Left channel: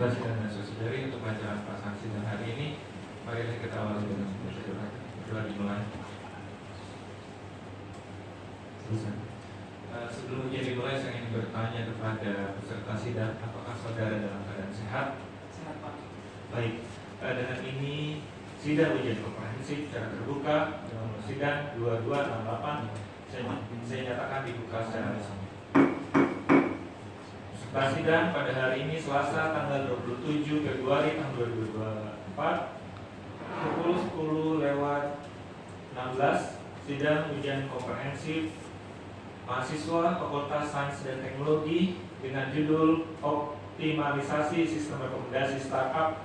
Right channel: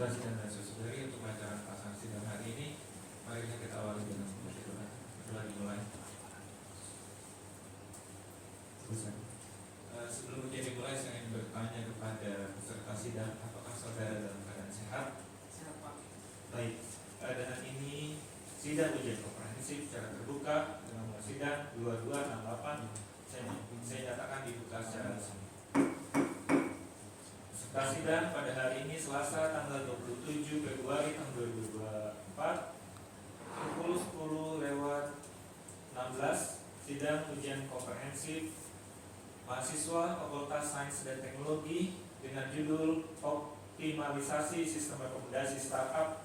dan saudari untuk bacaan pasang sidang hari ini, marilah kita awali dengan berdoa. Doa dimulai. Sebelum ujian dimulai, saya ingin bertanya kepada peserta sidang, apakah saudara dalam keadaan sehat? Sehat, Pak. Baik, dengan ini sidang ujian komprehensif secara terbuka dengan nomor sidang 2268 saya nyatakan dibuka secara resmi. Peserta sidang pada hari ini Selasa tanggal 27 Februari tahun 2024 pukul 10:16 sidang ujian komprehensif mahasiswa Fakultas Sains dan Teknologi dengan judul Optimalisasi Sistem Rekomendasi Startup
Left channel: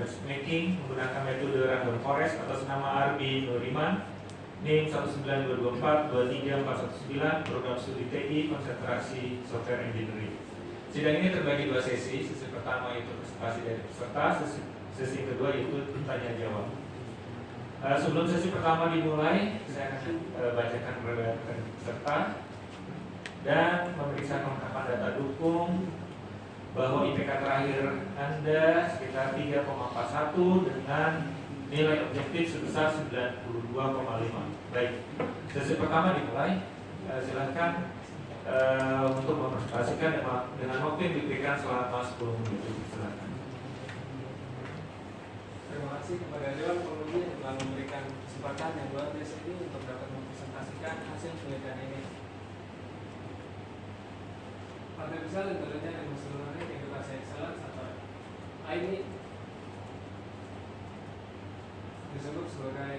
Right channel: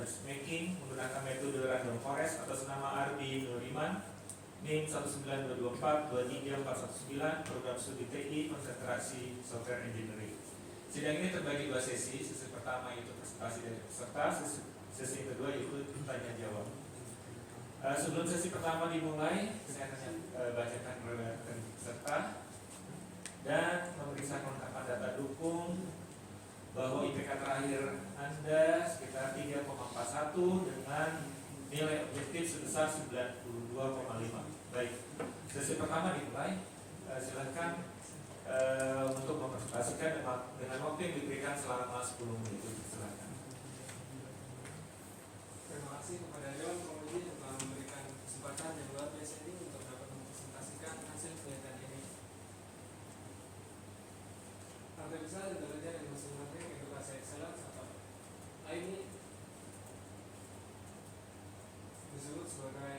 Matchmaking menggunakan metode Random Forest atas nama Arbi Nuriman, NIM 192423419, program studi TI konsentrasi software engineering. Sidang ini terbagi dua sesi. Sesi pertama itu presentasi dari peserta, sesi kedua itu tanya jawab. Sebelum sesi pertama dimulai, saya akan bacakan beberapa peserta dan memeriksa kelengkapan data dukung bahwa IPK terakhir Anda sekitar 3,41 dengan nilai objektif sebesar 92,5. Baik, sesi pertama dimulai. Silakan untuk mempresentasikan dengan waktu yang diberikan selama 10 menit. Silakan. Terima kasih kepada Dewan Penguji yang telah memberikan kesempatan yang luar biasa ini untuk dapat mempresentasikan hasil penelitian ini. Artificial Intelligence and Machine Learning Edukasi Excellence atau ini disebut sebagai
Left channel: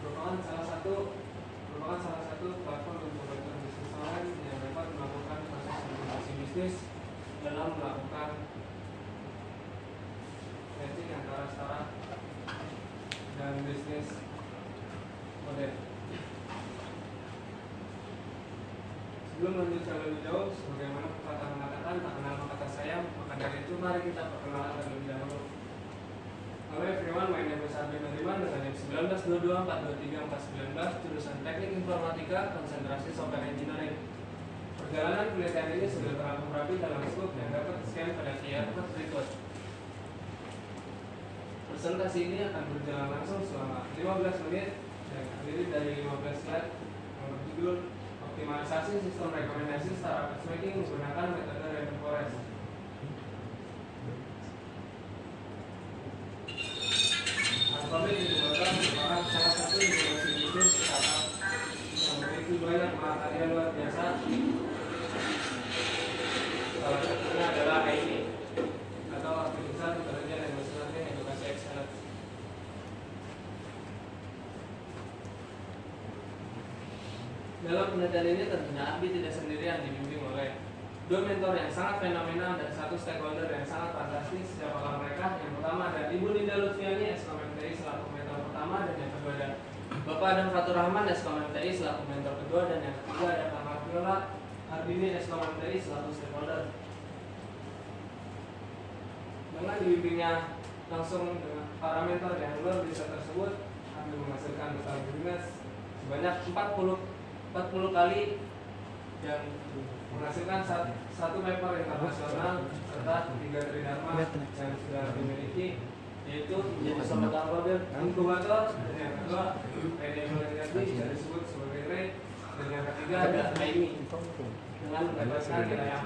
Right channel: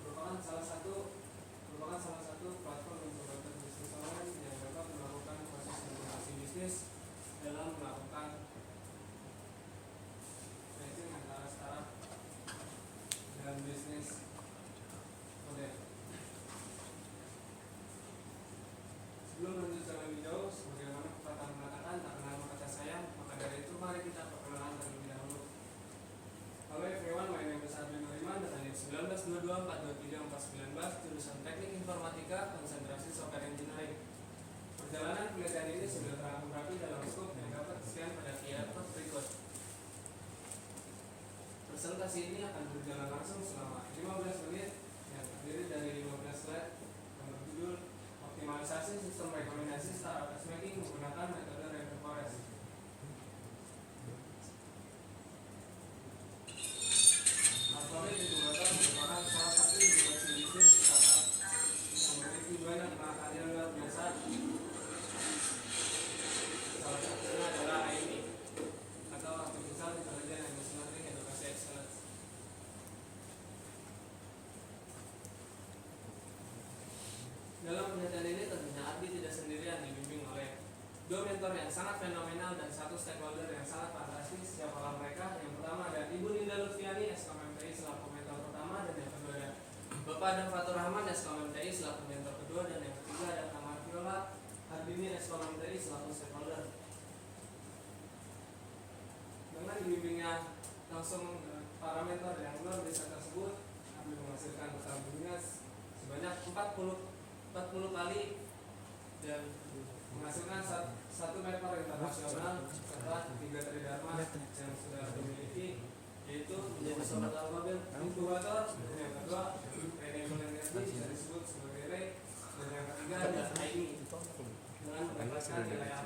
merupakan salah satu platform inkubator bisnis online yang dapat melakukan proses inovasi bisnis dalam melakukan matching antara startup dan bisnis model. Sebelum lanjut terlebih jauh, sebagaimana pepatah mengatakan, tak kenal maka tak sayang, maka dari itu mari kita perkenalan terlebih dahulu. Halo everyone, my name is Arbi Nuriman dengan NIM 192242349, jurusan Teknik Informatika, konsentrasi Software Engineering. Perjalanan penelitian ini sudah teratur rapi dalam skop yang dapat di-scan pada QR code berikut. Presentasi ini akan berjalan langsung selama 15 menit dan terdiri dari 15 slide yang berjudul Optimalisasi Sistem Rekomendasi Startup Matchmaking menggunakan metode Random Forest. Alphabet Incubator merupakan salah satu inovasi bisnis startup yang memiliki banyak mahakarya luar biasa. Salah satunya adalah ini atau Artificial Intelligence and Machine Learning Edukasi Excellence. Dalam penelitian ini tentunya Arbi tidak sendirian, dibimbing oleh dua mentor yang sangat fenomenal dan satu stakeholder yang sangat fantastis. Siapakah mereka? Yang pertama ada Ibu Ninda Lutfiani, SKMTI selaku mentor pertama, dan yang kedua ada Bapak Adam Fatur Rahman, SKMTI selaku mentor kedua, dan yang ketiga ada Kang Marviola Ardini, SKMTI selaku stakeholder. Dengan dibimbingnya langsung dengan para mentor yang luar biasa tersebut, Arbi menghasilkan total bisnis sebanyak 40 kali dan menghasilkan satu paper internasional serta 3 tridharma yang sudah dimiliki, yaitu Sobat Alphabet Inkubator, dan yang kedua Renewable Energy yang disebut sebagai REI, dan yang ketiga ada AIMI dengan mendapatkan nilai A+.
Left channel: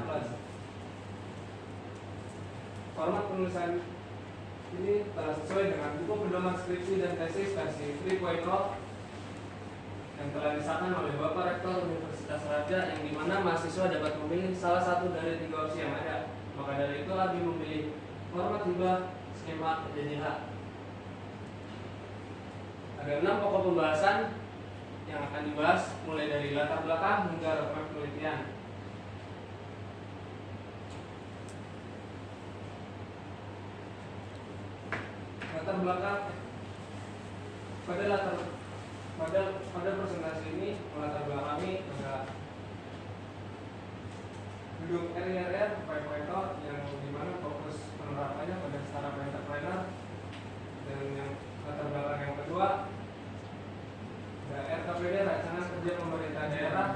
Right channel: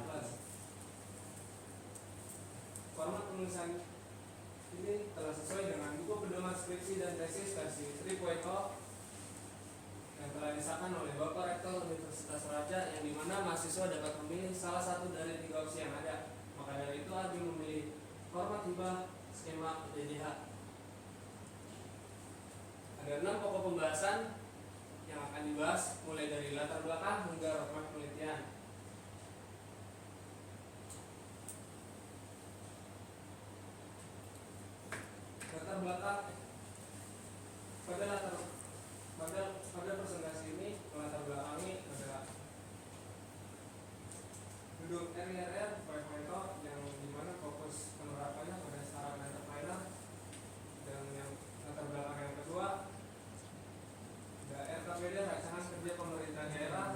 Format penulisan ini telah sesuai dengan buku pedoman skripsi dan tesis versi 3.0 yang telah disahkan oleh Bapak Rektor Universitas Raja, yang dimana mahasiswa dapat memilih salah satu dari 3 opsi yang ada. Maka dari itu Arbi memilih format hibah skema PDDH. Ada 6 pokok pembahasan yang akan dibahas, mulai dari latar belakang hingga roadmap penelitian. Latar belakang pada presentasi ini melatar belakangi ada gedung RIRR 5.0 yang dimana fokus penerapannya pada startup entrepreneur, dan yang latar belakang yang kedua ada RKPD Rancangan Kerja Pemerintah Daerah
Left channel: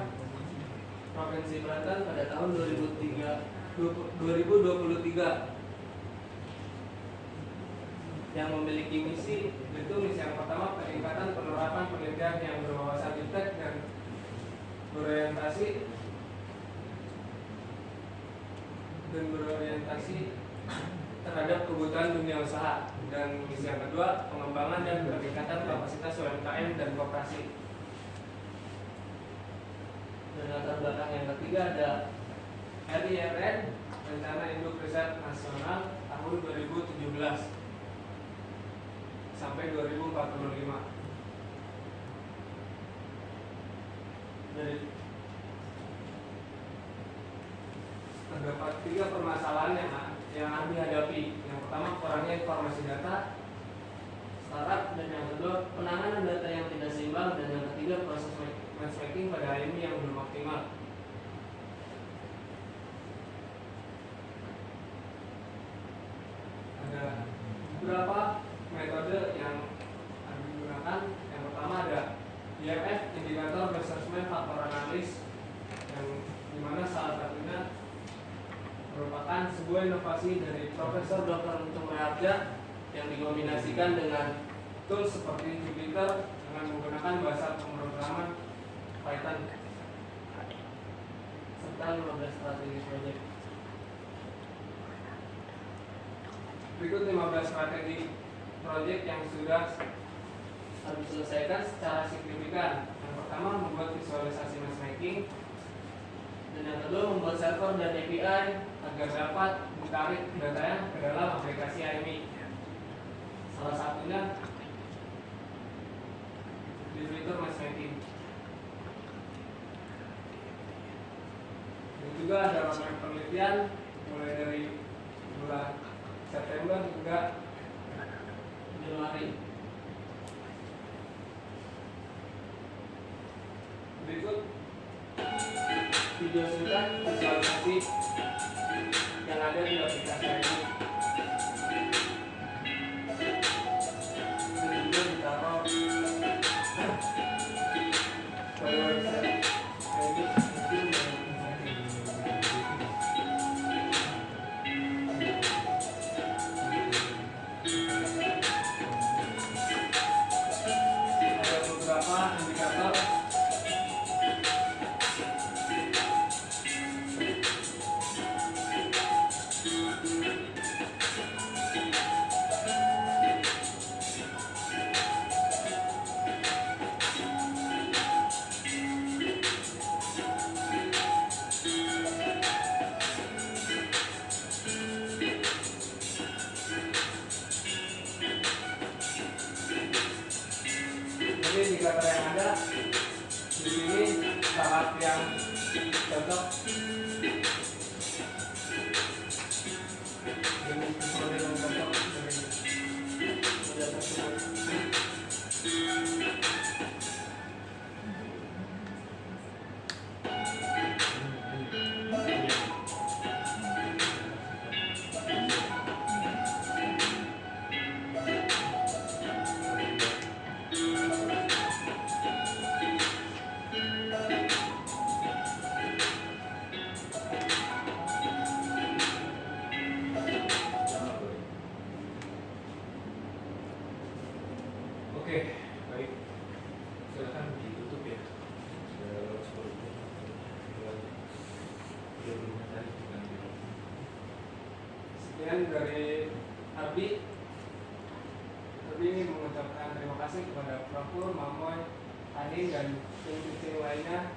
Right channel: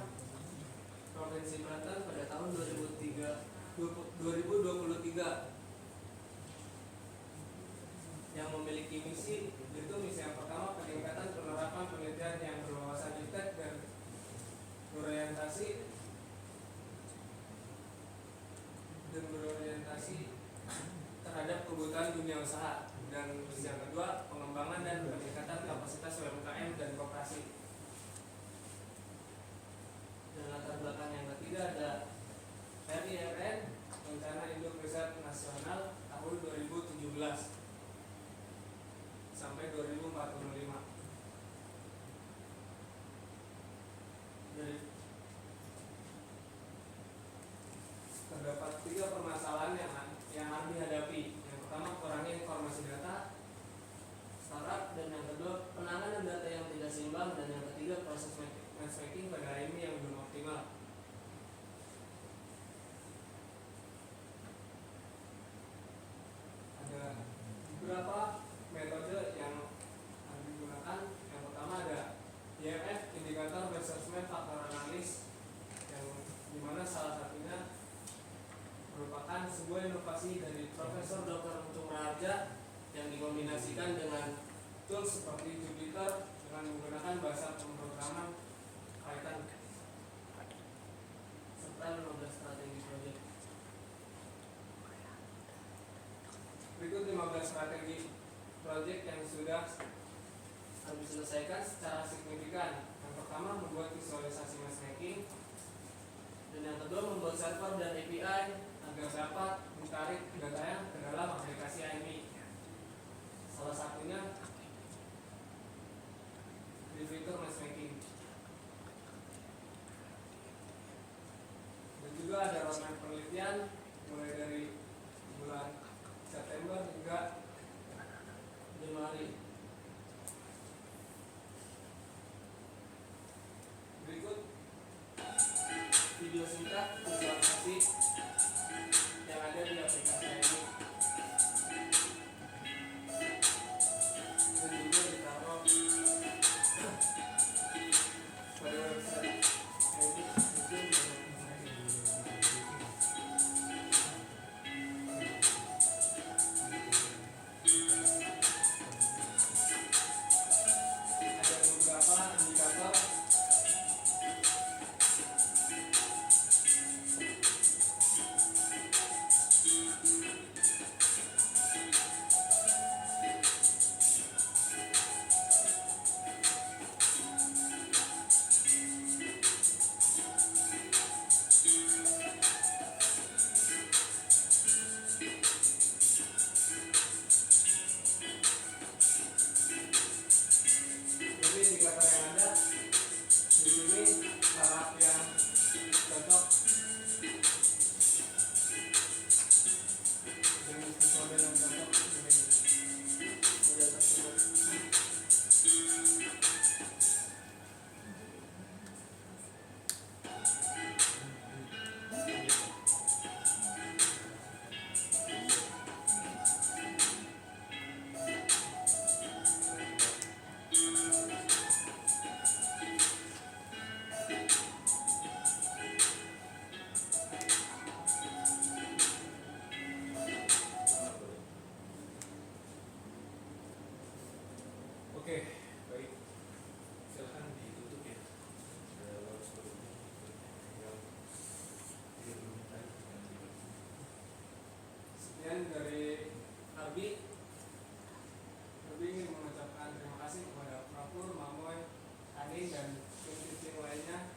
Provinsi Banten pada tahun 2003 2023 yang memiliki misi, yaitu misi yang pertama peningkatan penerapan penelitian yang berwawasan iptek dan berorientasi terhadap kebutuhan dunia usaha, dan misi yang kedua pengembangan dan peningkatan kapasitas UMKM dan koperasi. Dan latar belakang yang ketiga ada RIRN, Rencana Induk Riset Nasional tahun 2017 sampai 2045. Dari terdapat 3 permasalahan yang dihadapi. Yang pertama, kurangnya informasi data startup, dan yang kedua penanganan data yang tidak seimbang, dan yang ketiga proses matchmaking pada ini yang belum optimal. Ada beberapa metode yang digunakan. Yang pertama ada IMF, Indikator Measurement Faktor Analis, yang dimana salah satunya merupakan sebuah inovasi dari Profesor Dr. Untung Raharja yang dikombinasikan dengan tools seperti Jupyter dengan menggunakan bahasa pemrograman Python serta 15 strategi proyek. Berikut 15 strategi proyek yang sudah diselesaikan secara signifikan. Yang pertama, membuat visualisasi matchmaking, dan yang kedua membuat server dan API agar dapat menarik datanya ke dalam aplikasi IMI. Salah satunya di fitur matchmaking. Dan juga ada roadmap penelitian mulai dari bulan September hingga Januari. Berikut video singkat visualisasi yang ada di aplikasi ini. Ini juga ditaruh pada website ini. Ada beberapa indikator indikator yang ada di sini. Tahap yang contoh ini model contoh dari data tersebut. Oke, baik. Silakan ditutup ya. Sekian dari Arbi. Arbi ingin mengucapkan terima kasih kepada Profur, Mamoy, Adi, dan tim-tim lainnya,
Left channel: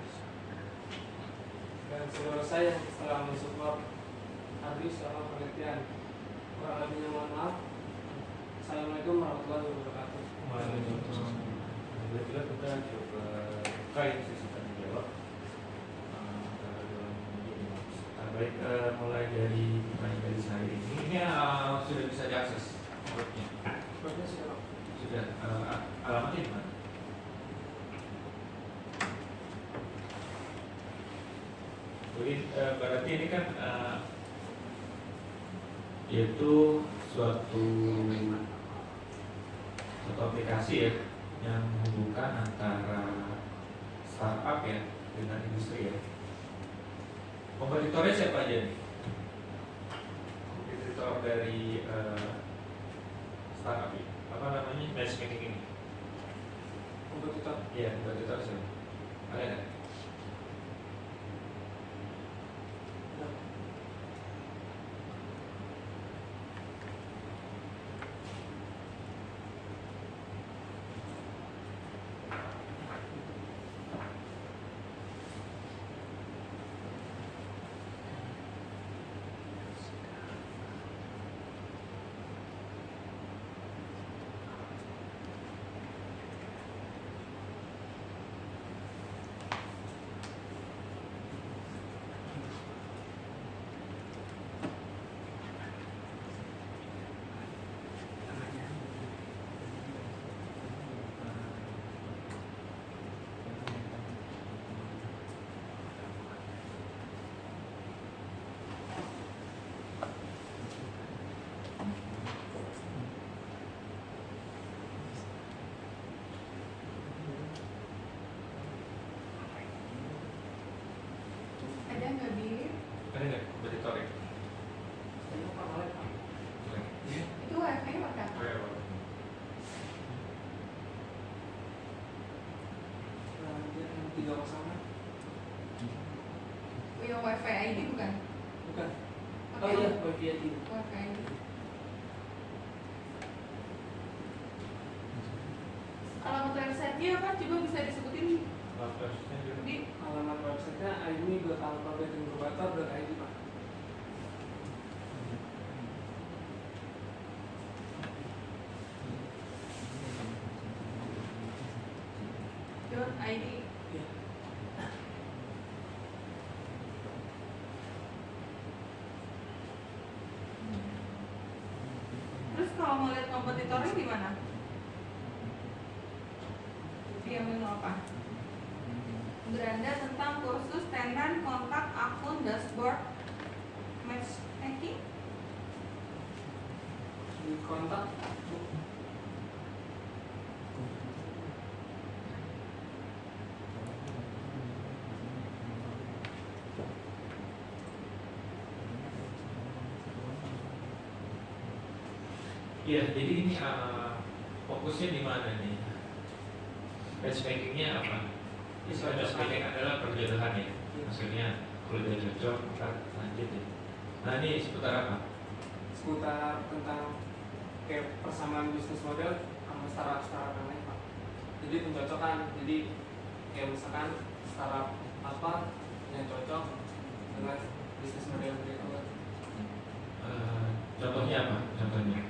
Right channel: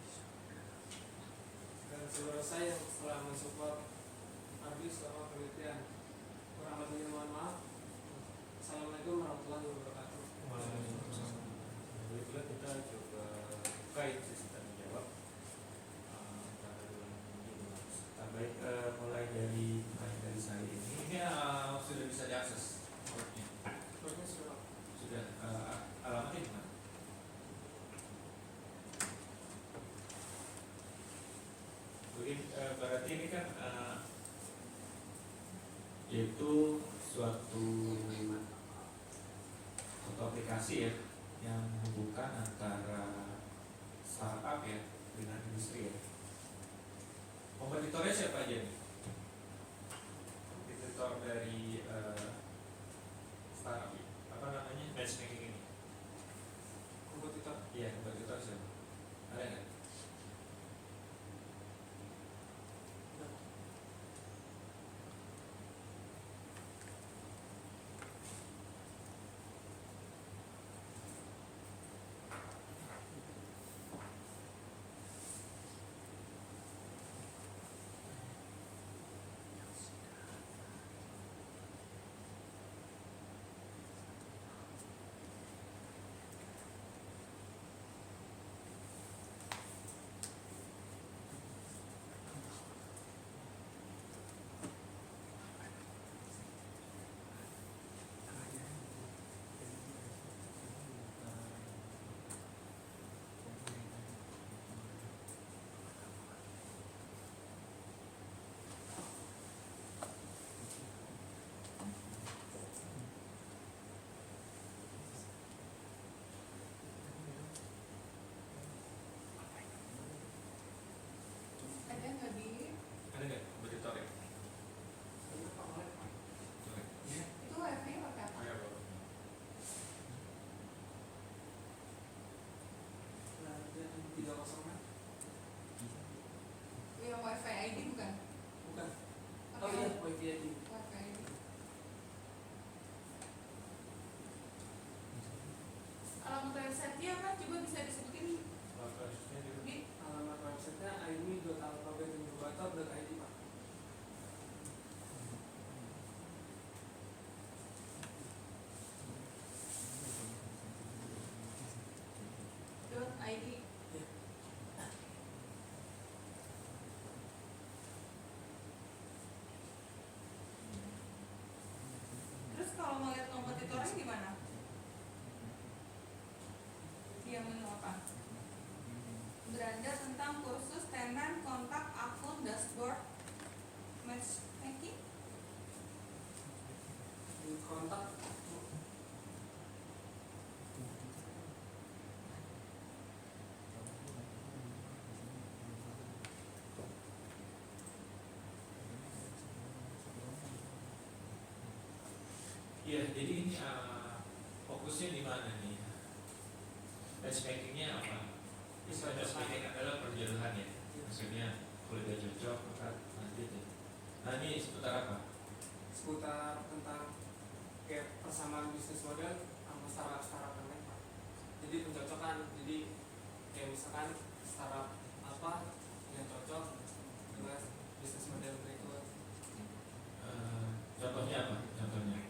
dan seluruh saya yang telah mensupport Arbi selama penelitian. Kurang lebihnya mohon maaf. Assalamualaikum warahmatullahi wabarakatuh. Bila kita coba kain sesi tanya jawab. Baik, mulai dari pertanyaan dari sehari ini sudah bisa diakses webnya. Sudah, alamatnya di mana? Berarti ini kan yaitu suatu aplikasi ya yang menghubungkan antara startup ya dengan industri ya. Kompetitornya siapa aja nih? dari startup ya? Apa namanya matchmaking ini? Kompetitor. Iya, kompetitor sih. Ada nggak? Ada nggak di Ada nggak kompetitor ya? Ini apa malah Pak? itu wifi pakai apa? Nah, dia yang 306. Yang wifi ID bukan? Bukan. Oh Pakai iya, wifi ID. wifi ID. Alamat websitenya apa? Coba bisa disebutin di Alamat websitenya aimi.alphabet.incubator.id Pak. .id. Iya. Terus kalau mau lihat kompetitornya di mana? Dia menu apa? Beranda tentang kursus, tenan, kontak, akun, dashboard, matchmaking. Di kontak. Iya, jadi ini fokusnya di mana nih? Matchmakingnya apa? Istilah matchmaking adalah perjodohan ya. Maksudnya kalau dia cocok, ntar lanjut ya. Nah ini seputar apa? Seputar tentang kayak persamaan bisnis model sama startup yang lain Pak. Jadi pencocokan. Jadi kayak misalkan startup apa yang cocok dengan bisnis model mereka. Contohnya apa? Contohnya?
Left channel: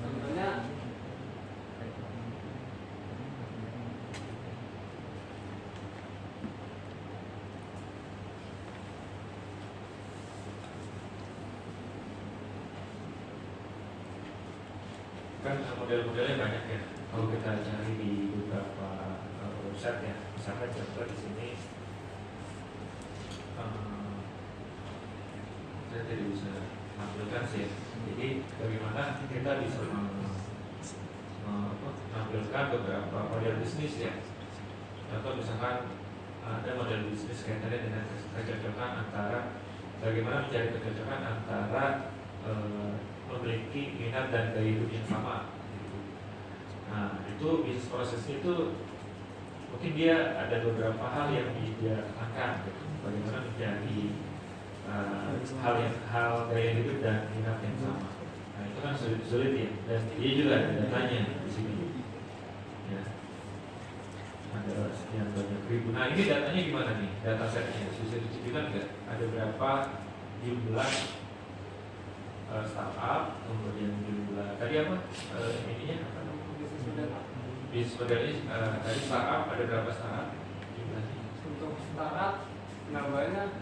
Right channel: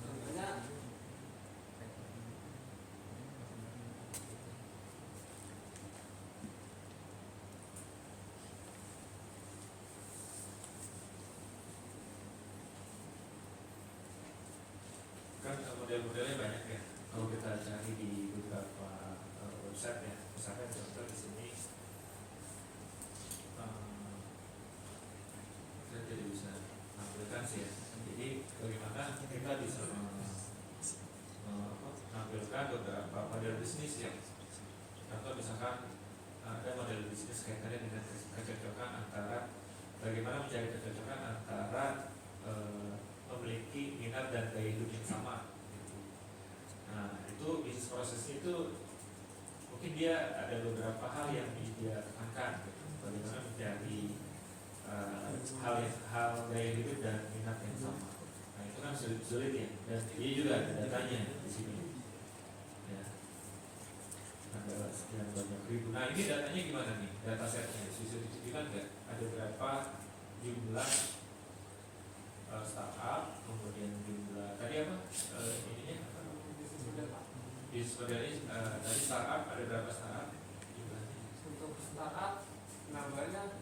Contohnya Kan model-modelnya banyak ya. Kalau kita cari di beberapa website ya, misalkan contoh di sini, saya tidak bisa tampilkan sih. Ya. Jadi bagaimana kita bisa menampilkan beberapa model bisnis ya. Contoh misalkan ada model bisnis kaitannya dengan kecocokan antara bagaimana mencari kecocokan antara memiliki minat dan gaya hidup yang sama gitu. Nah itu bisnis prosesnya itu mungkin dia ada beberapa hal yang dia tekankan gitu. Bagaimana mencari hal gaya hidup dan minat yang sama. Nah itu kan sulit ya, dan dia juga ada datanya di sini ya. Ada sekian banyak ribu. Nah ini datanya gimana nih? Data setnya bisa diceritakan nggak? Ada berapa jumlah startup, kemudian jumlah tadi apa ininya apa? bisnis model Pak. Bisnis modelnya tadi startup ada berapa startup jumlahnya? Untuk startup penambahannya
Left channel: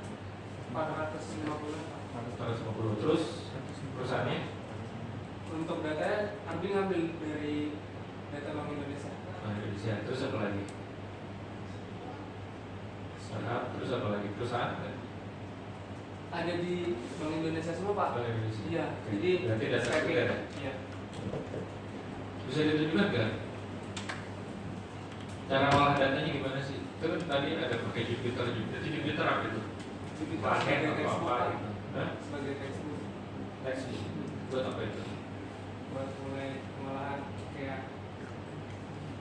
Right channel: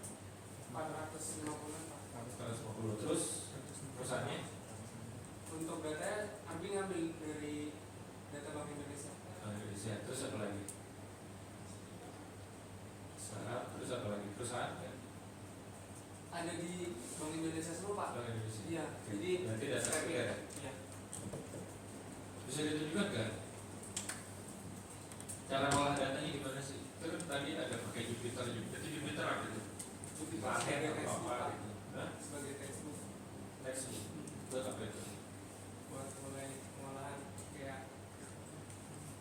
450 Pak. 150. Terus perusahaannya? Untuk datanya Arbi ngambil dari data Bank Indonesia. Indonesia. Terus apa lagi? Startup. Terus apa lagi? Perusahaan? Ada di Bank Indonesia semua Pak. Bank Indonesia. Iya. Oke. Jadi Berarti data scraping. juga ada. Iya. Bisa ditunjukkan nggak? Cara olah datanya gimana sih? Itu kan tadi ada pakai Jupyter apa itu? Jupyter Pakai sebagai apa textbook, Pak. gitu? tesis buat apa itu? buat mulai pengolahan kayak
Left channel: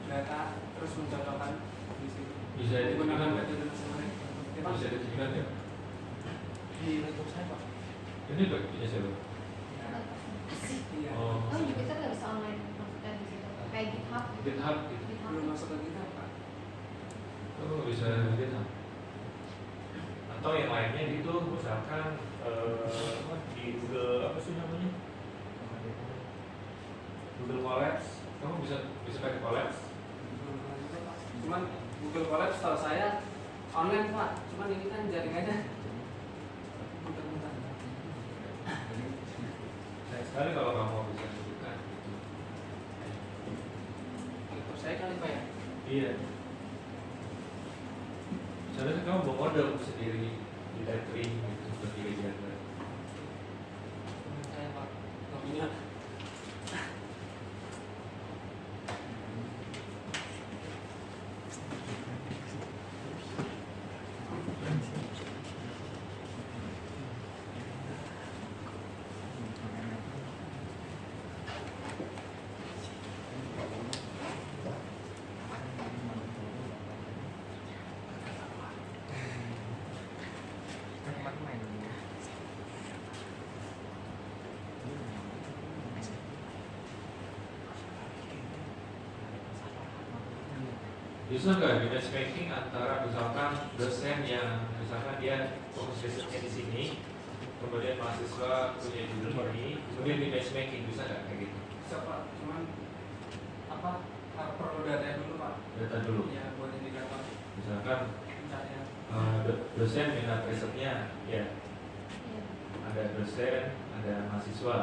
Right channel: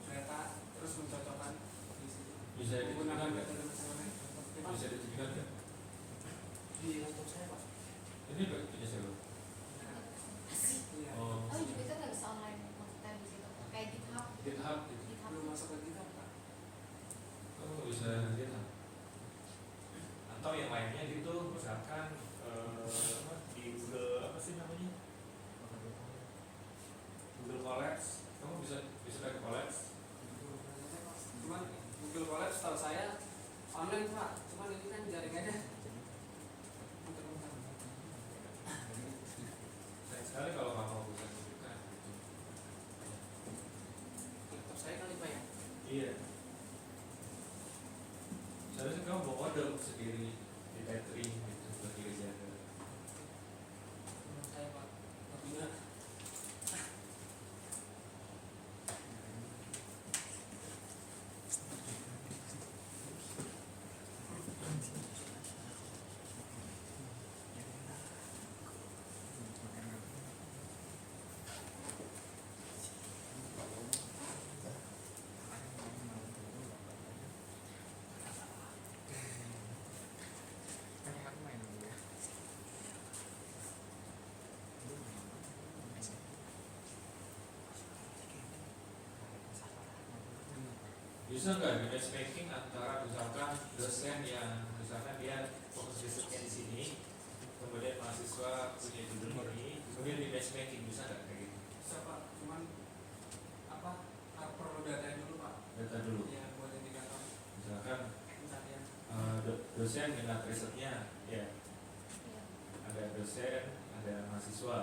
data terus mencocokkan di situ Bisa menggunakan ditunjukkan nggak? metode mesin learning. Ya, Pak? Bisa ditunjukkan nggak? Di laptop saya Pak. Ini punya siapa? Iya. Oh, Oh, Jupiter nggak bisa online maksudnya di situ kayak GitHub. GitHub gitu. GitHub. Belum masuk ke kita Pak. Oh, bisa GitHub. Atau yang lainnya gitu, misalkan di Google apa sih namanya? Google Colabs. Kamu bisa pakai Colabs? Cuman Google Colab setahu saya online Pak. Cuman ini kan jaringannya bentar-bentar. Nah, sekali kalau kamu bisa tunjukkan gitu. Laptop saya kali Pak ya. Iya. Seharusnya kamu bawa model sendiri di tethering gitu berdiri jaga. Saya Pak nggak punya. Bisa nggak di matchmaking antara misalkan dosen yang misalkan dia fokus risetnya di sini, kemudian mahasiswa punya judul ini, kemudian di matchmaking bisa nggak kayak gitu? Bisa Pak. Cuman apa perlu data dulu Pak. Data dulu. Ya buat indikator Misalkan pencarian. dosen minat risetnya, ya Iya. ada dosen, ada mahasiswa,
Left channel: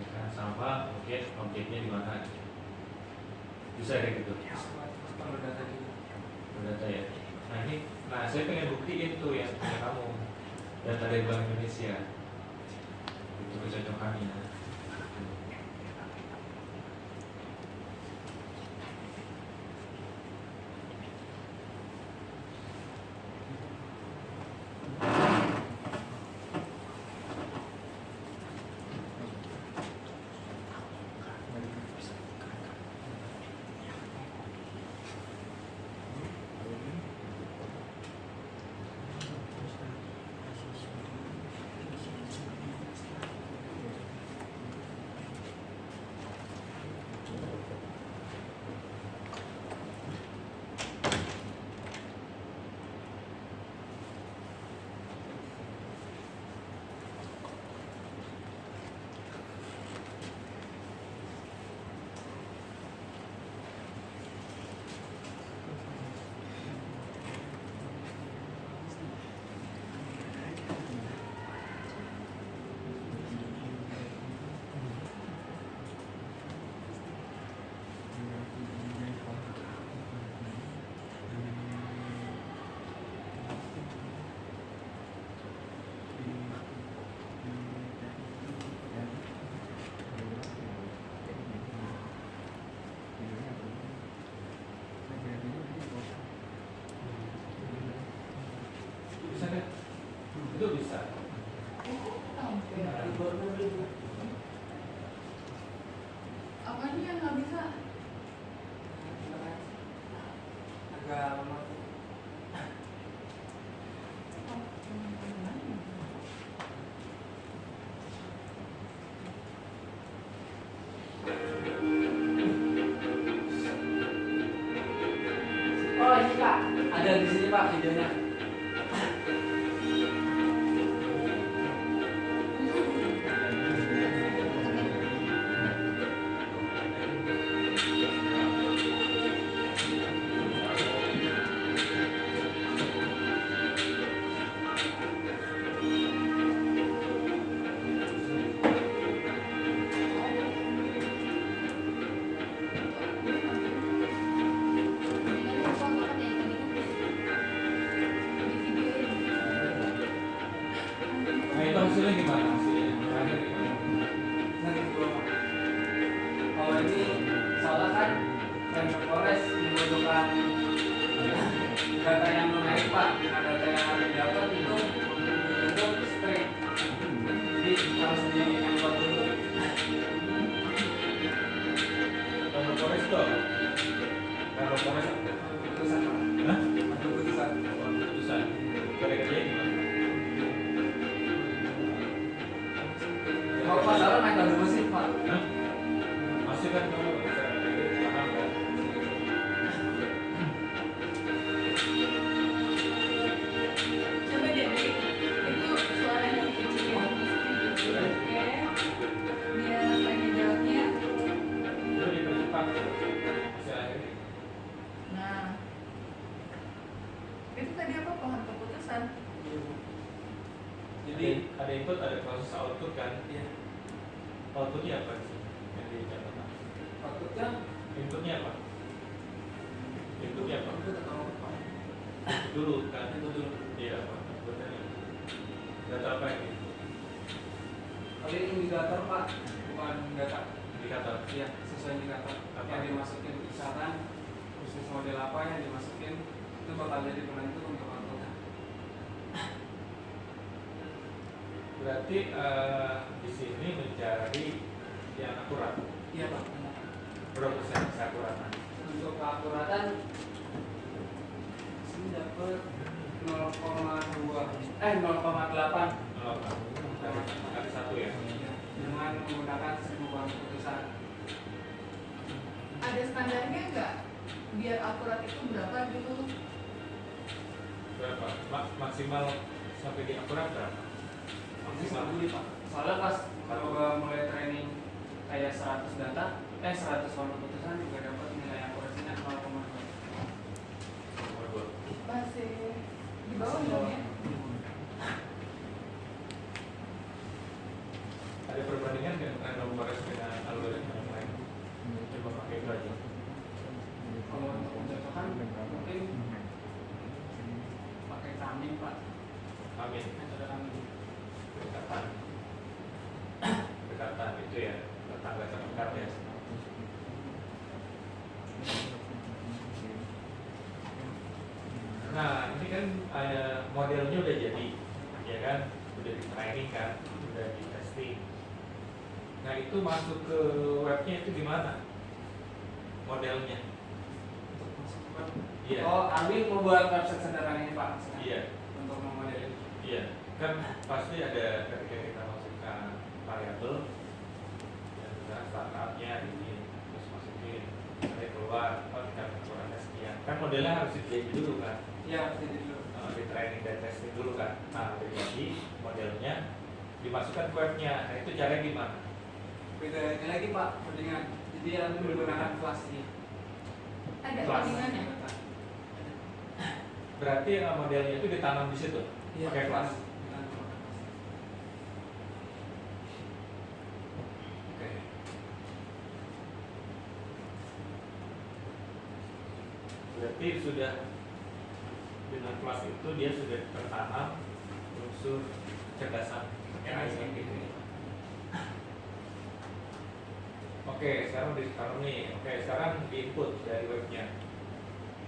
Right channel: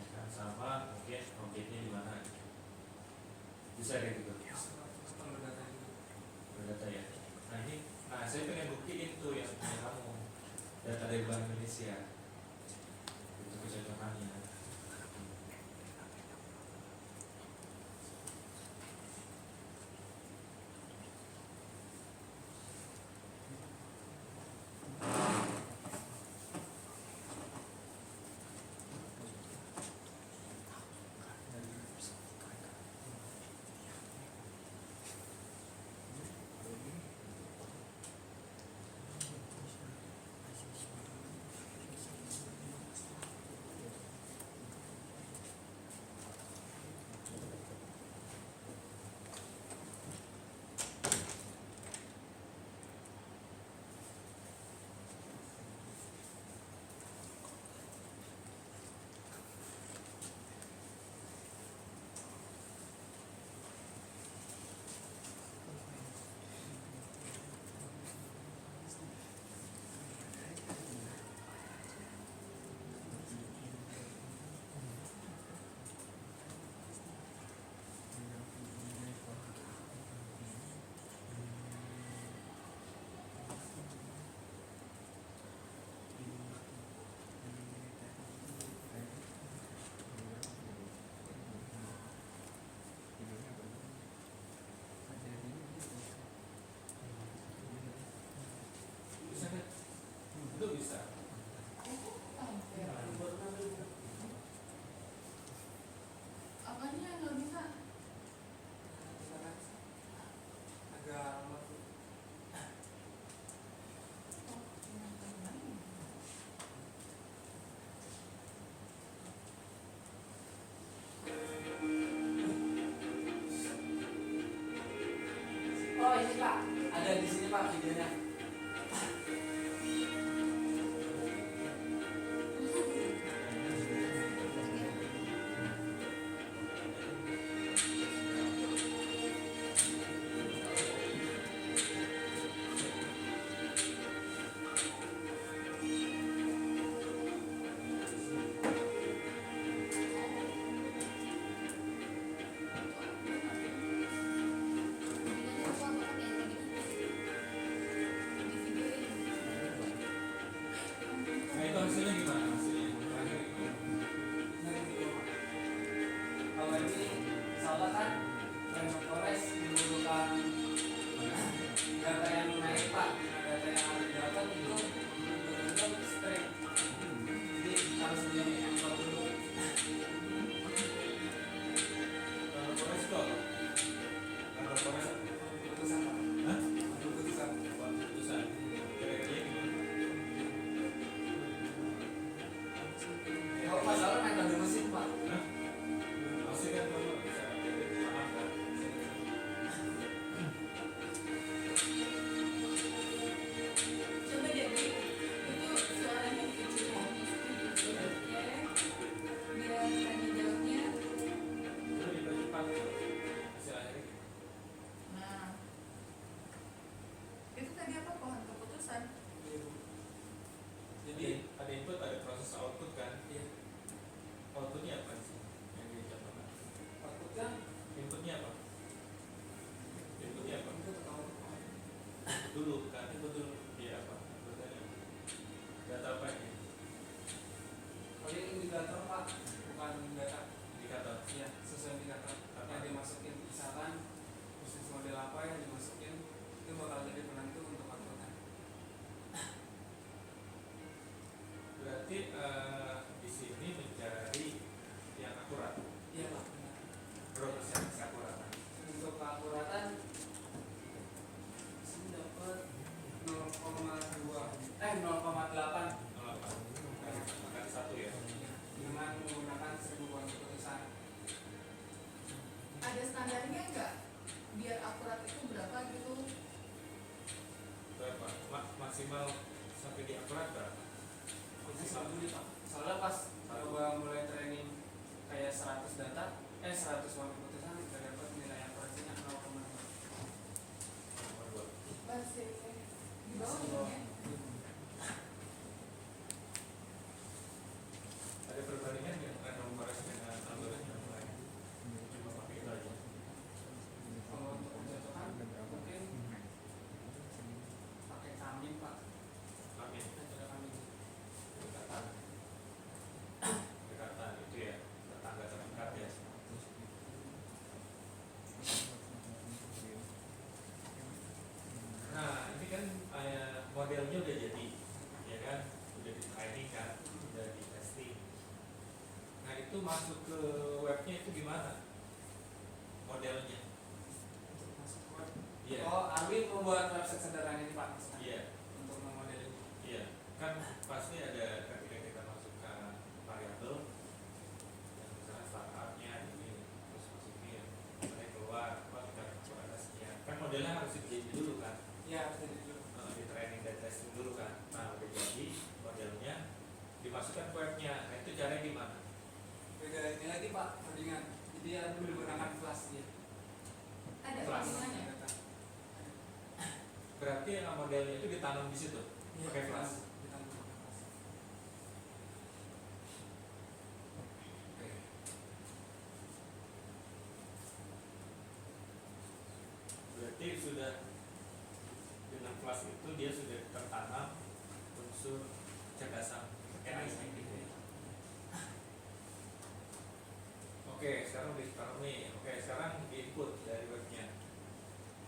ya kan, sama mungkin objeknya di mana? Bisa kayak gitu. Bisa Pak. Perlu data juga. Data ya. Nah saya pengen buktiin tuh yang punya kamu data dari Bank Indonesia itu kecocokannya. Bisa kan? Itu bisa. Apanya yang nggak bisa? Agak lemah. Oh ini Pak, ada di sini Pak videonya. masalah naik lagu musik pak. Hah? Masih kan kamu bisa paham kan? Coba deh, itu suaranya dikecilin sedikit. Oke. Biar tanya jawabnya. Itu dipercepat istilahnya. Nah, itu tadi apa pohon keputusan? Jadi Ada input, ada proses output kan? ya Outputnya apa sih? Yang dicontohkan. outputnya Inputnya apa? Inputnya apa? itu atau apa? Dulu kan? Input dulu. Iya apa? Benar. Data apa ini? Paling indikator pak, bukan data. Indikator. Iya, sesuai indikator Apa? yang dimasukin misalkan bisnis model apa yang dimasukin itu bakal jadi penentu untuk outputnya. Berarti di sini mencari yang akurat. Iya pak, benar. Berapa persen keakuratan? Untuk keakuratan sini dapat 0,2 0,8 Oh, kali satu ya. dengan menggunakan 1000 pohon keputusan. Ada standarnya nggak? Biar akurat itu berapa gitu? Berapa? Maksimal sampai di akurat berapa? Maksimal Maksimal. dulu pak. Soalnya pas coba mulai training kayak 100 data, 100 pohon keputusan juga dapat nilai akurasinya 0,2. Nomor dua. Masih di bawah dong ya? Ada perbandingan nggak random forest dengan algoritma yang lain? Coba pakai itu aja. Kalau untuk mencocokan mungkin pakai kambing pak. Amin. Ada kambing. Dekatan. Dekatan itu ya. Tetangga terdekat ya. Nah, ini kan modelnya udah jadi, ya kan? Udah di training kan, udah di testing. Nah, itu masuk ke webnya itu gimana? Modelnya? Masuk ke web. Iya. Oh, kambing mau buat website sederhana ini pak maksudnya? Iya, Untuk memodelin. iya. Kan pasti ada ketika kita masukkan variabel, ya misalnya startupnya ini, terus masukin, nanti keluar, oh kita ukurannya sekian. Kan modelnya harus dijadi dulu kan? Iya, jadi dulu. Di training dan testing dulu kan. Nah, udah jadi modelnya dimasukkan ke webnya. Nah, itu caranya gimana? Beda ini lagi pak, codingan. Jadi yang menggunakan kelas ini. Ada Kelas. codingannya? Berarti modelnya itu ditanam di situ pakai kelas. Oke. Berarti sudah dengan kelas itu dia sudah tertanam unsur kecerdasan AI gitu ya. Oke, sekarang ditaruh nih. Oke, sekarang di input dari webnya.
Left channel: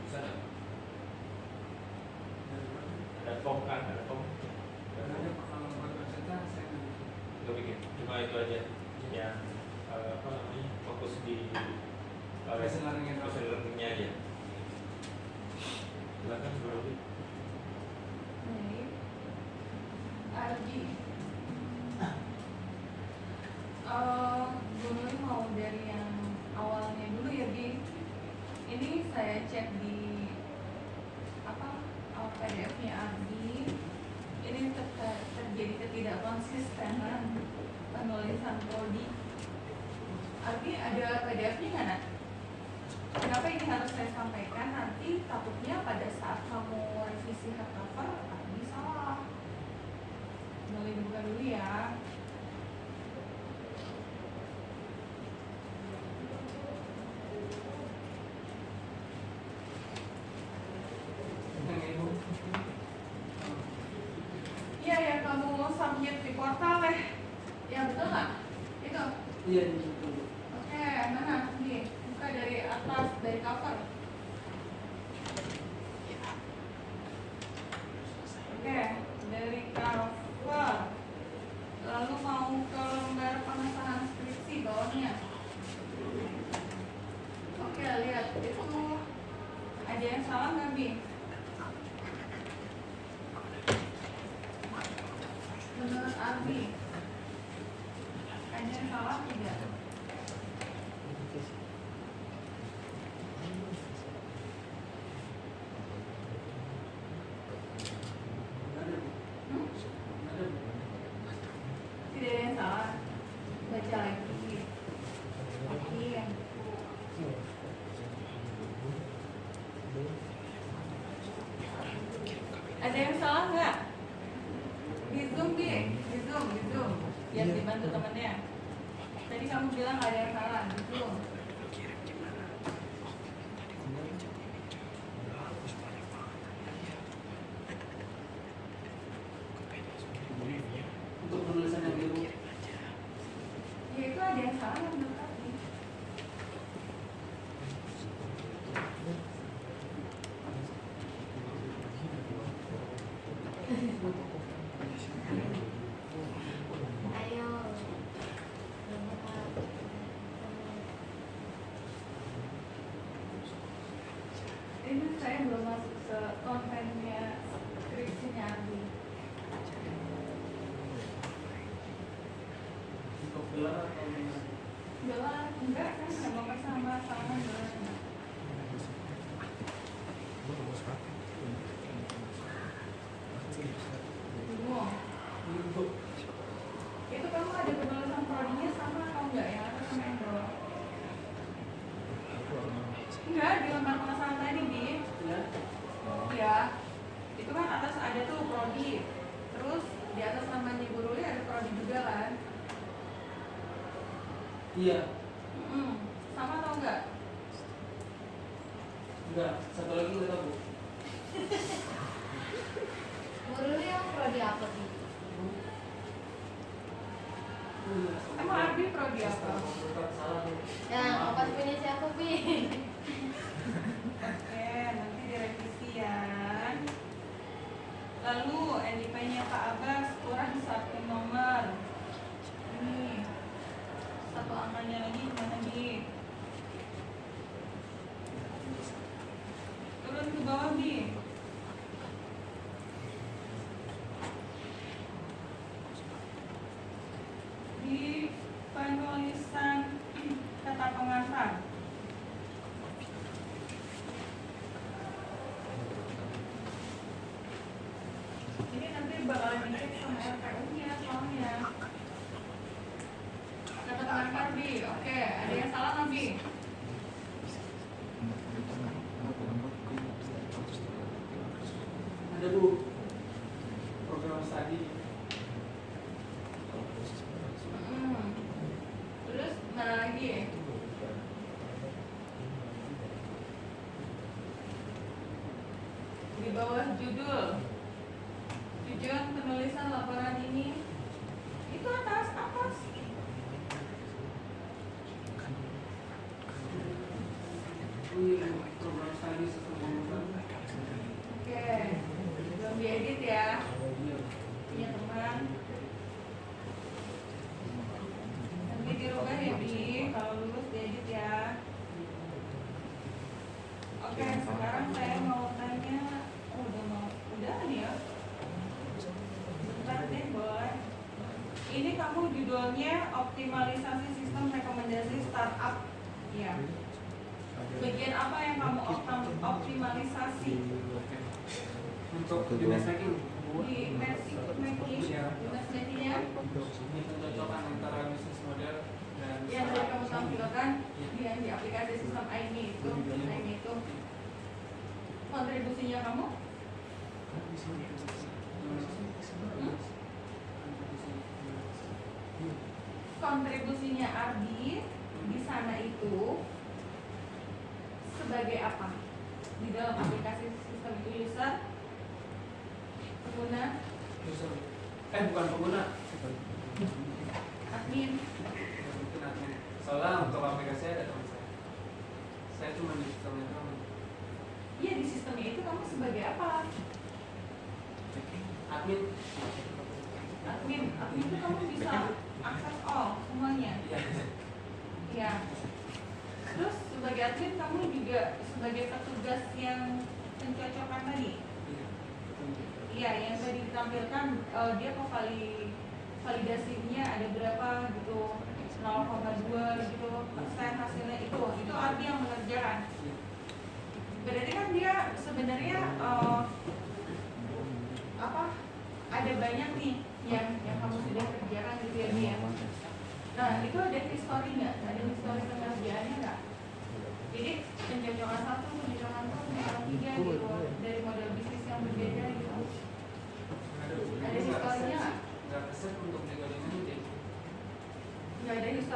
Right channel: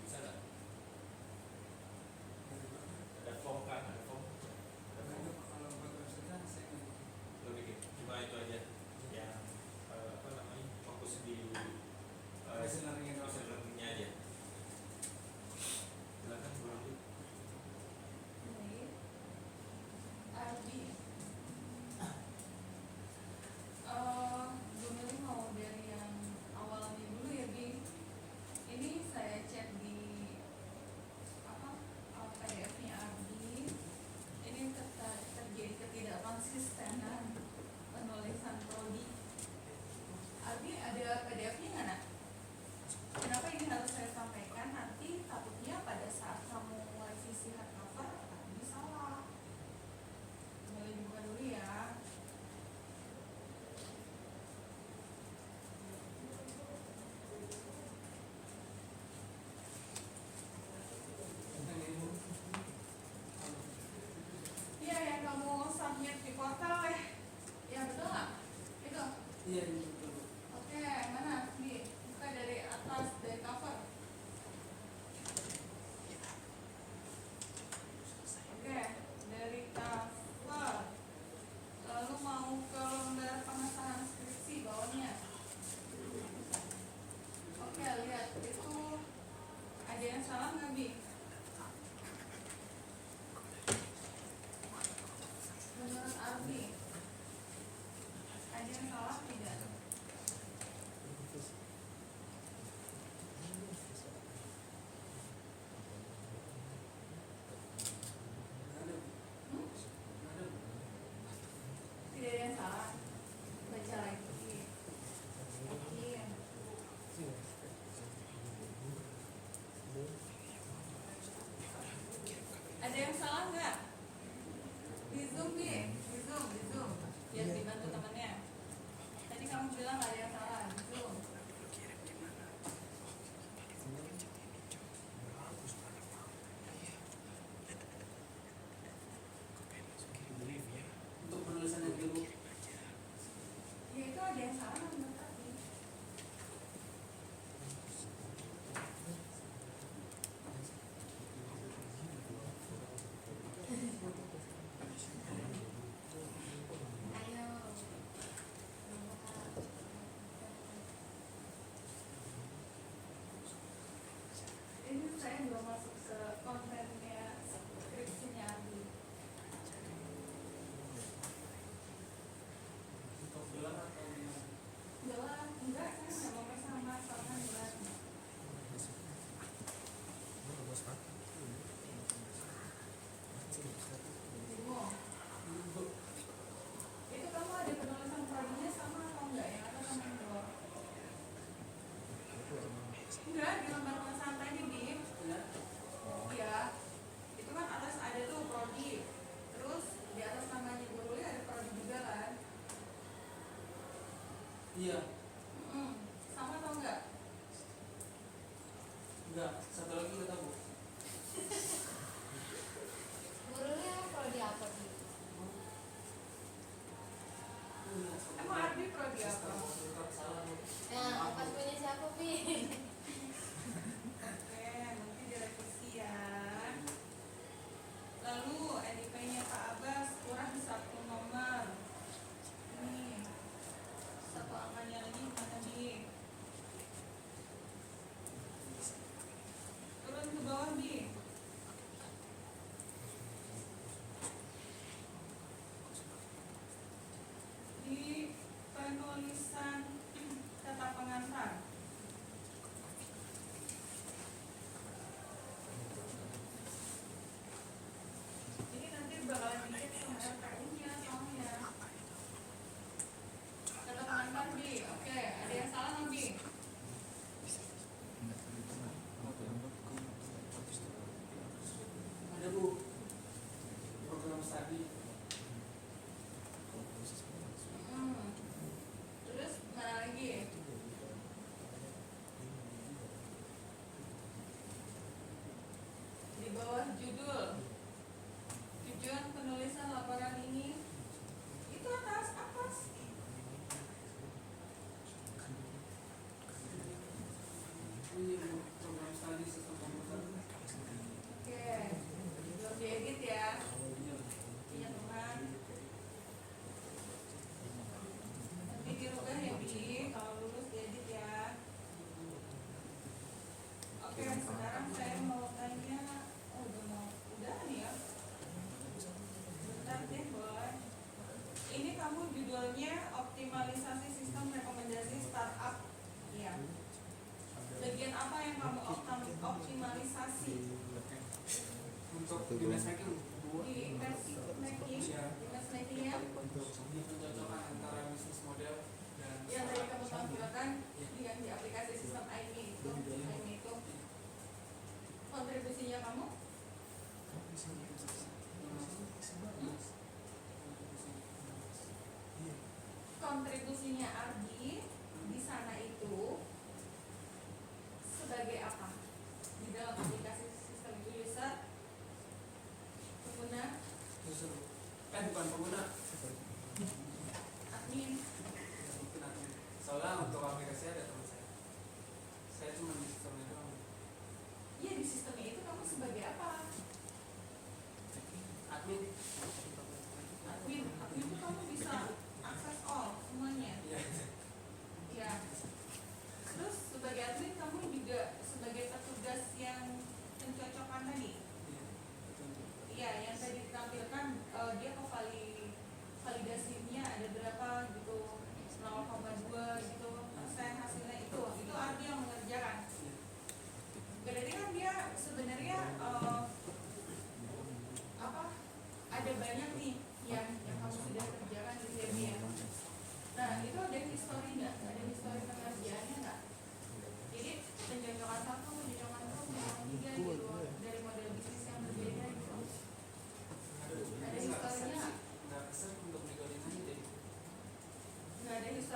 Bisa nggak? Ada form kan? Ada form. Lo bikin. Cuma itu aja. Yang apa namanya? Fokus di Machine learning itu. machine learning-nya aja. Silakan Bro. Baik. Ardi. Dulu mau dari yang awalnya dulu ya Bi. Ini saya cek di apa PDF-nya Ardi. Ini terjadi ketidakkonsistenan penulisan prodi. Ardi ada PDF-nya nggak nak? Kenapa ini harus saya sampaikan? Nanti takutnya pada saat kamu revisi hardcover Ardi salah. Boleh dibuka dulu ya. Iya yang kamu submit di portal ya betul nggak? Itu. Iya. Oke, mana? Nih, buka dari atas, dari cover. Oke, dari cover. Lalu mau ke lembar pengesahan skripsi bawahnya. Oke, lihat itu ada yang salah nggak Bi? Menurut Ardi Ada yang salah nggak? Di Zoom, Bi. Di Zoom. Yang dibantu temennya. Tadi kamu bilang nggak ada yang salah di Zoom. Untuk penulisan yang dulu. Ya itu ada yang salah menurut aku. Ayo. Ini saya belum masuk ke kontennya skripsinya Abi. Untuk gelar atau gimana? Gelar enggak, saya nggak mau sama gelar. Bingung. Itu kamu ada penulisan prodinya sama atau enggak ya? Atau sama yang bawah? Enggak, di lembar pengesahan tadi, Bi. Ya. Ya, itu kan atas ada tuh prodi. Terus di atas namanya Bu Ruli ada prodi juga kan? Iya. Sama atau enggak? Enggak. Satu lagi nggak tahu. Dulu yang prodi apa sih? Emang Arbi prodi apa? Salah tuh. Yang pas punya siapa, Bi? Oke, nanti direvisi ya. Lalu NIP-nya Kak Abbas kurang satu nomor. Ini satu angkanya lagi gimana Bi? Turun ke bawah Bi. Di penulisan kata pengantar. Ini nanti bakalan dicek sama RPU-nya soalnya. Kata pengantar Bi, oke, ada yang salah nggak Bi? Ada Bu. Program studi. Terus mana lagi? Di bawah judul, tujuan penulisan laporan ini itu atas. Ini program studi sesuatu. Oke, belum diedit ya? Iya. Punya teman. Nanti dirubah ya Bi, kalau lulus diedit ya. Oke, sekarang saya mau tanya, udah nih ya. Bentar deh, boy. Ini kamu judulnya optimalisasi sistem rekomendasi startup. Iya. Bagian apa yang kamu optimalisasi? Untuk di matchmaking. Di matchmaking, di matchmaking-nya Ini pencocokan antara bisnis model dan yang tadi kamu tampilkan Iya. yang di aplikasi sistem IMI itu kontribusinya kamu? Kontribusinya Ardi di sana itu sebagai apa? Di dalam aplikasi sistem itu user, pengguna, User. Bukan pengguna. admin. Mungkin admin. Soalnya untuk aplikasi ada teman saya. Saya cuma di sistemnya doang. Iya, di sistemnya itu kamu sebagai apa? Admin. Admin itu kamu bisa akses all semuanya. Iya. Ya. Terus sebagai admin kamu juga sebagai petugas yang pencocokan tadi. Iya. Iya, yang tadi ditampilkan dia kok validasinya ada berapa gitu, 0,2 gitu persen hasilnya itu Ardi yang mengerjakan. Berarti kan dia sebenarnya ada banyak nih yang kamu sudah kerjakan gitu ya Bi ya. Nah itu ada history nggak? Ada history pengerjaannya nggak? Jadi pencocokan 1, pencocokan 2, pencocokan 3 gitu dari model bisnis yang berbeda gitu.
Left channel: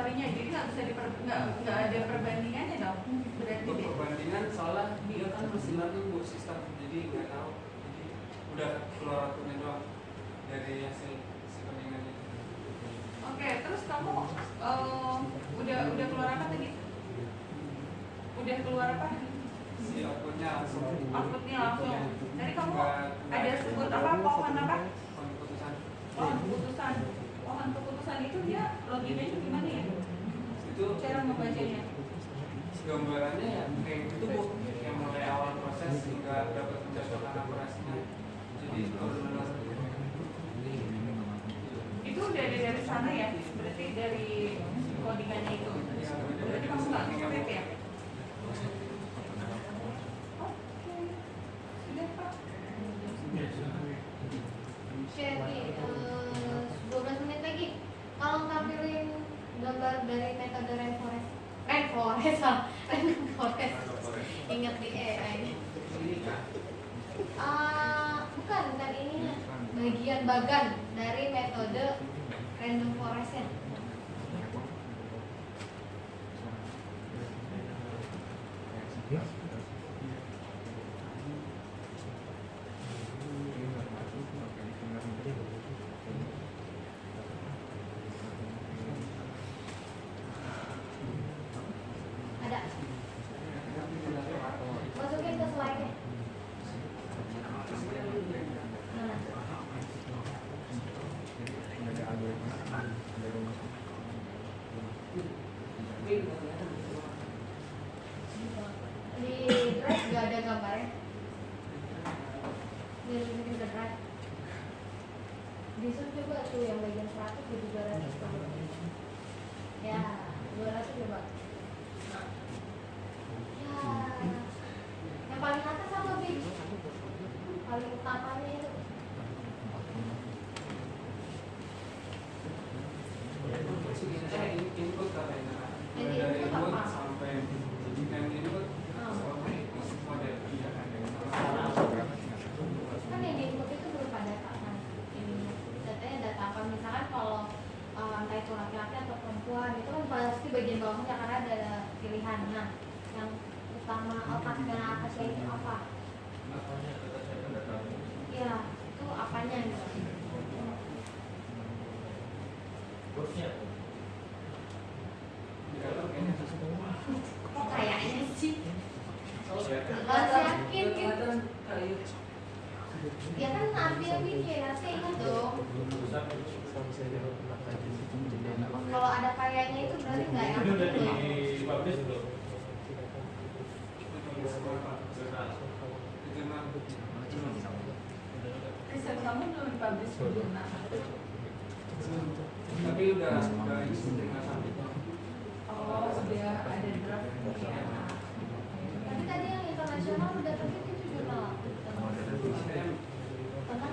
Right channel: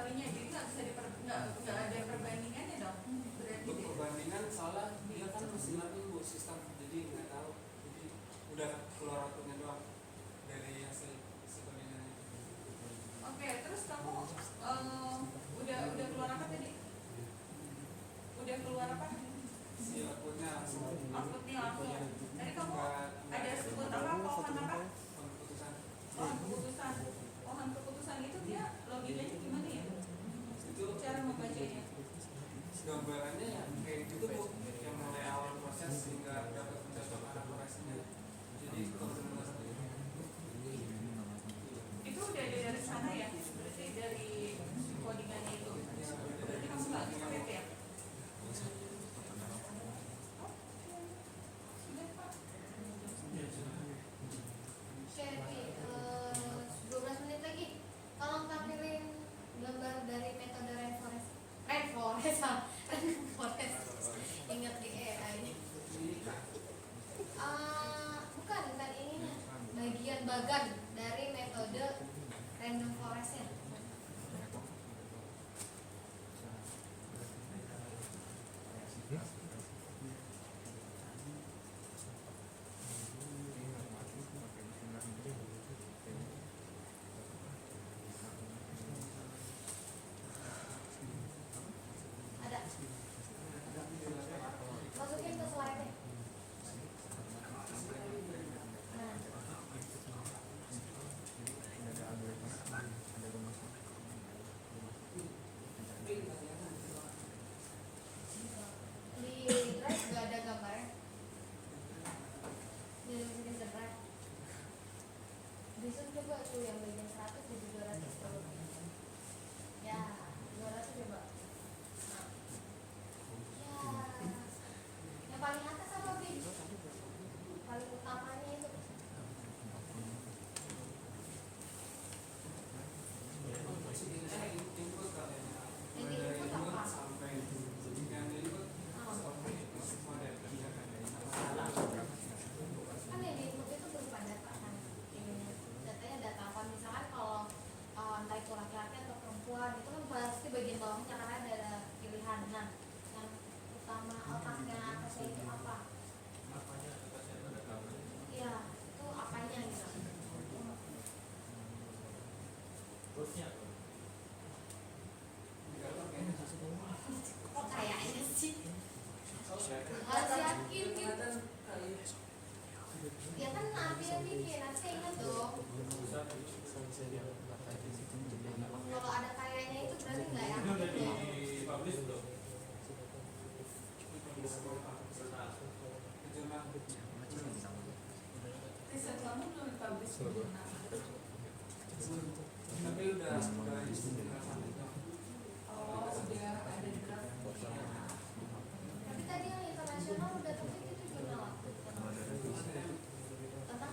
sorrynya, jadi nggak ada perbandingannya dong, berarti Untuk deh. perbandingan soalnya dia kan mesti learning bu sistem, jadi nggak tahu, jadi udah keluar outputnya doang dari hasil si codingannya. Oke, terus kamu udah keluar apa tadi? Udah keluar apa? Si outputnya langsung Outputnya langsung. Jadi kamu Nggak- ada sebut apa? Pohon apa? keputusan Pohon keputusan. Pohon keputusan itu dia loginanya gimana ya? itu Cara membacanya. gambarannya ya kayak gitu bu, yang mulai awal proses hingga dapat pencocokan akurasinya, jadi benar-benar Itu udah ada dari sana ya? Berarti dari codingannya itu. Berarti kamu nggak nge-map ya? Oke, sudah Pak. Jadi 12 menit lagi. Kalau tampilin gambar dari metode rainforest, ingat di AI. Bukan ininya. Bagian bagan dari metode random forestnya. Ada. Masukin ke slide-nya. Mana? Di drive gak ada gambarnya. Di drive. Di sub juga tuh yang bagian 100 di 200. Ya, 200 coba. Ya, yang paling atas apa Bi? Paling utamanya itu. input katanya, Jadi dari input input apa? sampai yang input sampai model Kan yang di input itu berupa data kan. Ininya. Datanya data apa? Misalkan kalau entah itu laki-laki atau perempuan itu kan pasti bagian bawahnya karena ada pilihan. Nah, yang utama otak dan atasnya itu apa? Iya, itu apanya gitu. Kayaknya sih. Harus yakin gitu. Ya kan ambil mikir, nanti ingat dong. Kalau ada kayaknya itu berarti nggak Ini yakin udah dong. dipublish belum? Riset kamu belum dipublish di jurnal. tapi udah isi tinggal sampai Oh, udah ada draft ya. Tapi tadi yang internasional udah terbit itu jurnal. Tengah.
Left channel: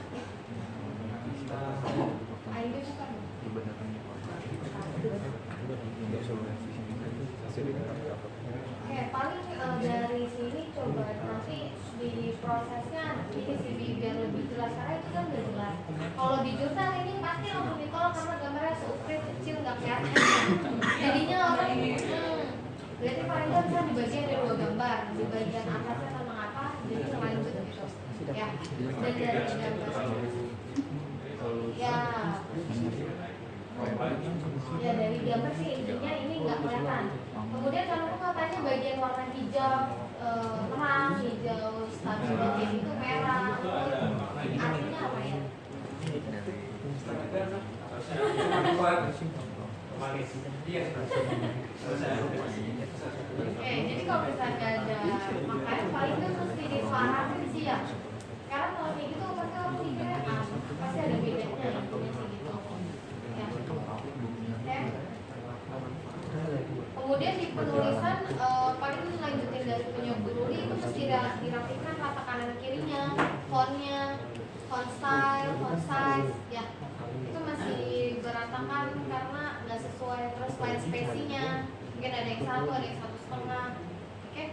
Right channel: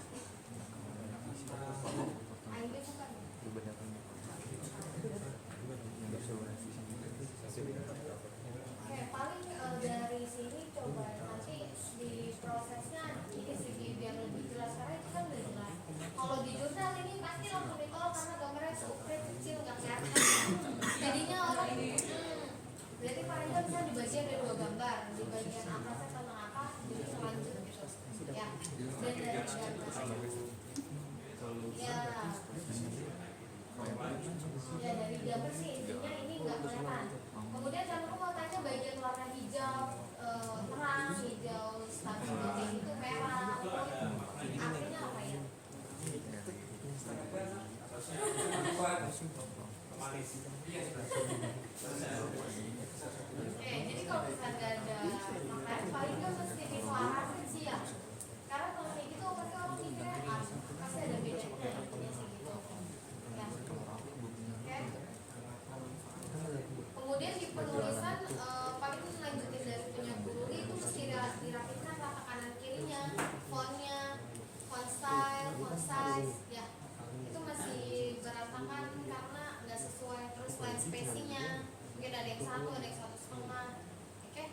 ID bukan. Oke, paling dari sini coba nanti di prosesnya ini sih biar lebih jelas karena itu kan udah jelas. Kalau di jurnal ini pasti langsung ditolak karena gambarnya seukrit kecil nggak kelihatan. Jadinya orang berarti paling nggak bisa dibagi ada 2 gambar, di bagian atasnya sama apa, jadi lanjut gitu. Ya, dan dari gambar. Ya, ya dari gambar sih intinya ini nggak kelihatan. Kemudian kamu katanya bagian warna hijau terang, hijau stabil bagian itu merah. Artinya apa ya? iya Oke, jadi kalau misalnya ada makanya paling nggak mesti diselarasin sih ya. Karena kalau kayak gitu pasti orang mikirnya pasti ada bedanya intinya sih gitu. Ya. Oke. Kemudian di penulisan paling lanjutin dari punya Bu Ruli itu mesti dirapikan kata kanan kirinya, fontnya, font style, font size, ya itu masih berantakan karena nggak sesuai, terus line spacingnya mungkin ada yang 1, ada yang 1,5. Oke,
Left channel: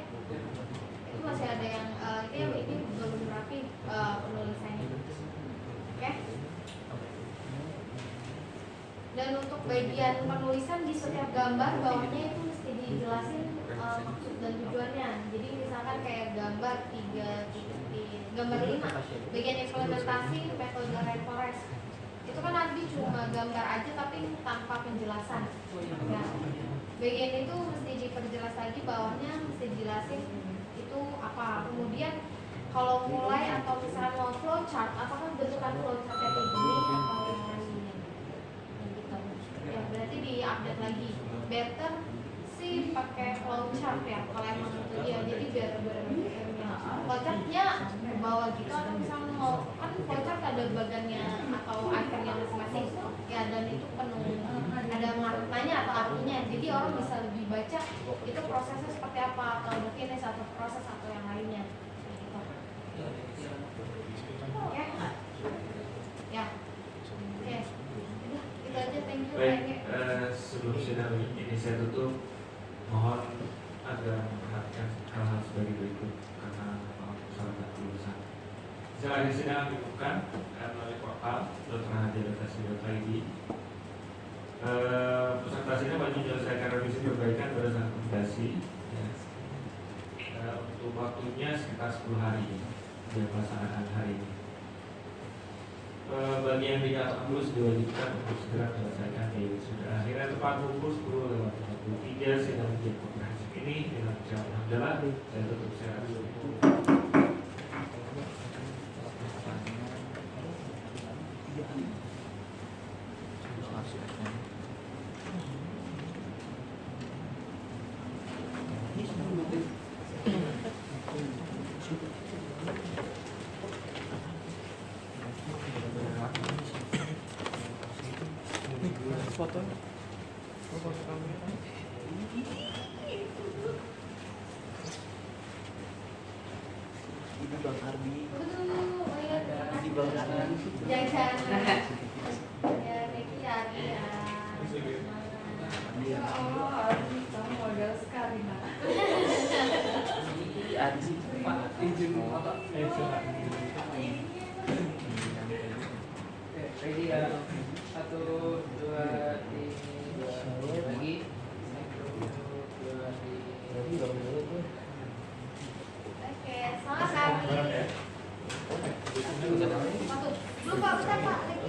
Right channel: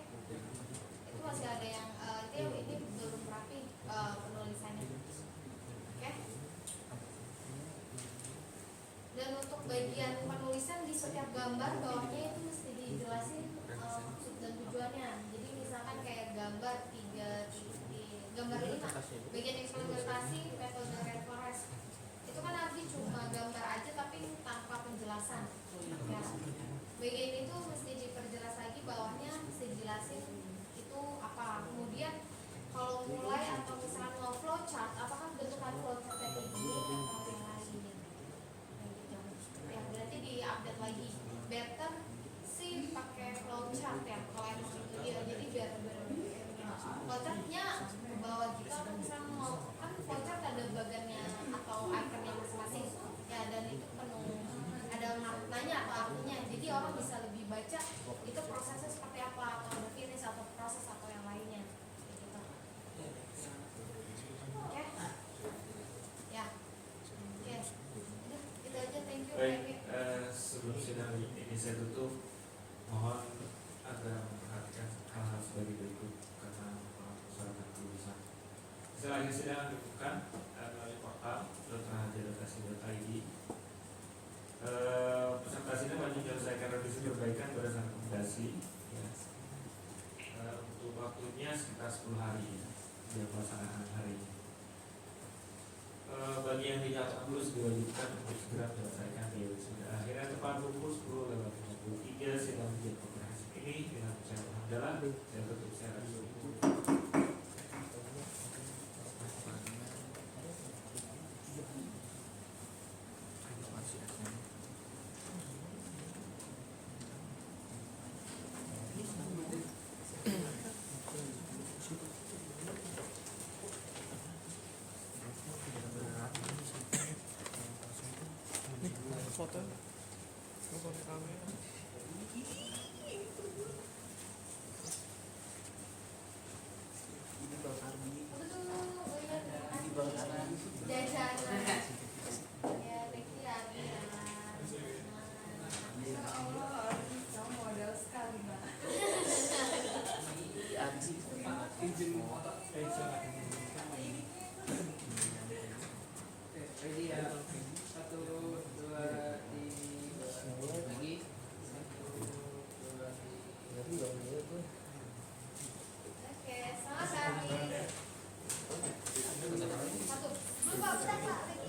itu masih ada yang ini belum rapi penulisannya. Oke, dan untuk bagian penulisan di setiap gambar bawahnya itu mesti dijelasin maksud dan tujuannya. Jadi misalkan kayak gambar 5 bagian implementasi metode rainforest itu kan nanti cuma gambar aja tapi tanpa penjelasan ya. Bagian itu mesti diperjelas lagi, bawahnya mesti dijelasin itu apa. Kemudian kalau mulai atau misalnya mau flowchart, apakah bentukan flowchartnya kayak gini atau yang lainnya gitu. Ya berarti di-update lagi. Better sih pakai flowchart ya kalau emang itu dia, jadi biar benar-benar flowchartnya ke bawah gitu. Atau misalnya mau kan flowchart ada bagannya atau ikonnya masing-masing ya, dan itu penuh ada maknanya atau artinya, jadi orang bisa lebih baca itu prosesnya seperti apa, atau the finish atau proses atau yang lainnya gitu. Ya, ya, oke, udah itu aja, thank you. Baik, sebelum sidang ini saya tutup, mohon agar memperhatikan hal-hal sebagai berikut karena salah satu urusan. Setelah sidang dibuka melalui portal dr.hadi.ac.id. Peserta sidang wajib menyelesaikan revisi perbaikan berdasarkan rekomendasi ya. Untuk waktunya sekitar 10 hari dia pelaksanaan hari ini. Bagi yang tidak lulus diwajibkan untuk segera menyelesaikan di wisuda akhirnya tepat pukul 10:53 sidang ujian komprehensif ini dengan ucapan hamdalah saya tutup secara ready ya, 1, 2, 3 lagi, 1, 2, 3. Oke, selamat hari. Lupa, bentar Pak.